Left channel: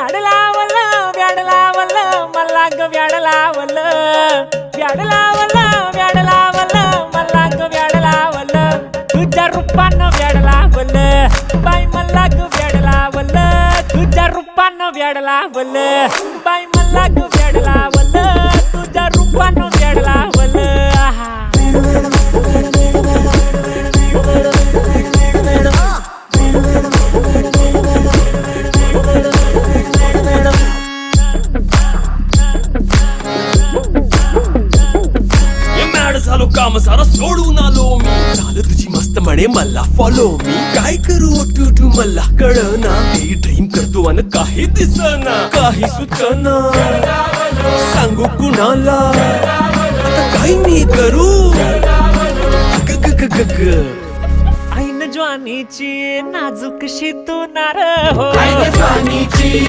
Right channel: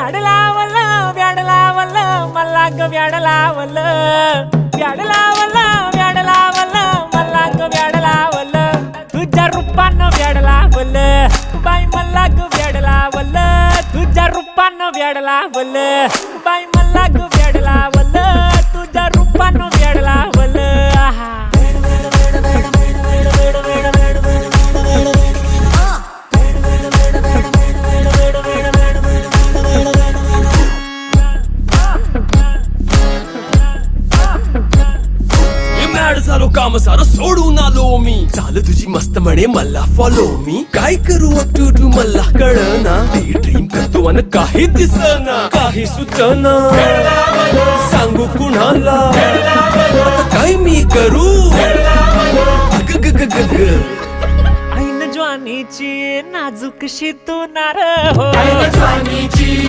व्याड लावलं व्याड लावलं मला ग व्याड लावलं व्याड लावलं व्याड लावलं मला ग व्याड लावलं तुझ्या रूपानं व्याड लावलं बाई मला ग व्याड लावलं तुझ्या रूपानं व्याड लावलं बाई मला ग व्याड लावलं तुझ्या रूपानं व्याड लावलं आहा झालो काम सारा सोडून आलो मी झालं तुझी मस्त म्हणे मला फॉलो मी काय करू टू मला कळना ते ड्रीम करतो आणि काही दिसना काही सुचना सांगू कुणाला आता काय मी करू अग ग ग ग ग ऐन ज्वानीची नाजूकशी तू नार हो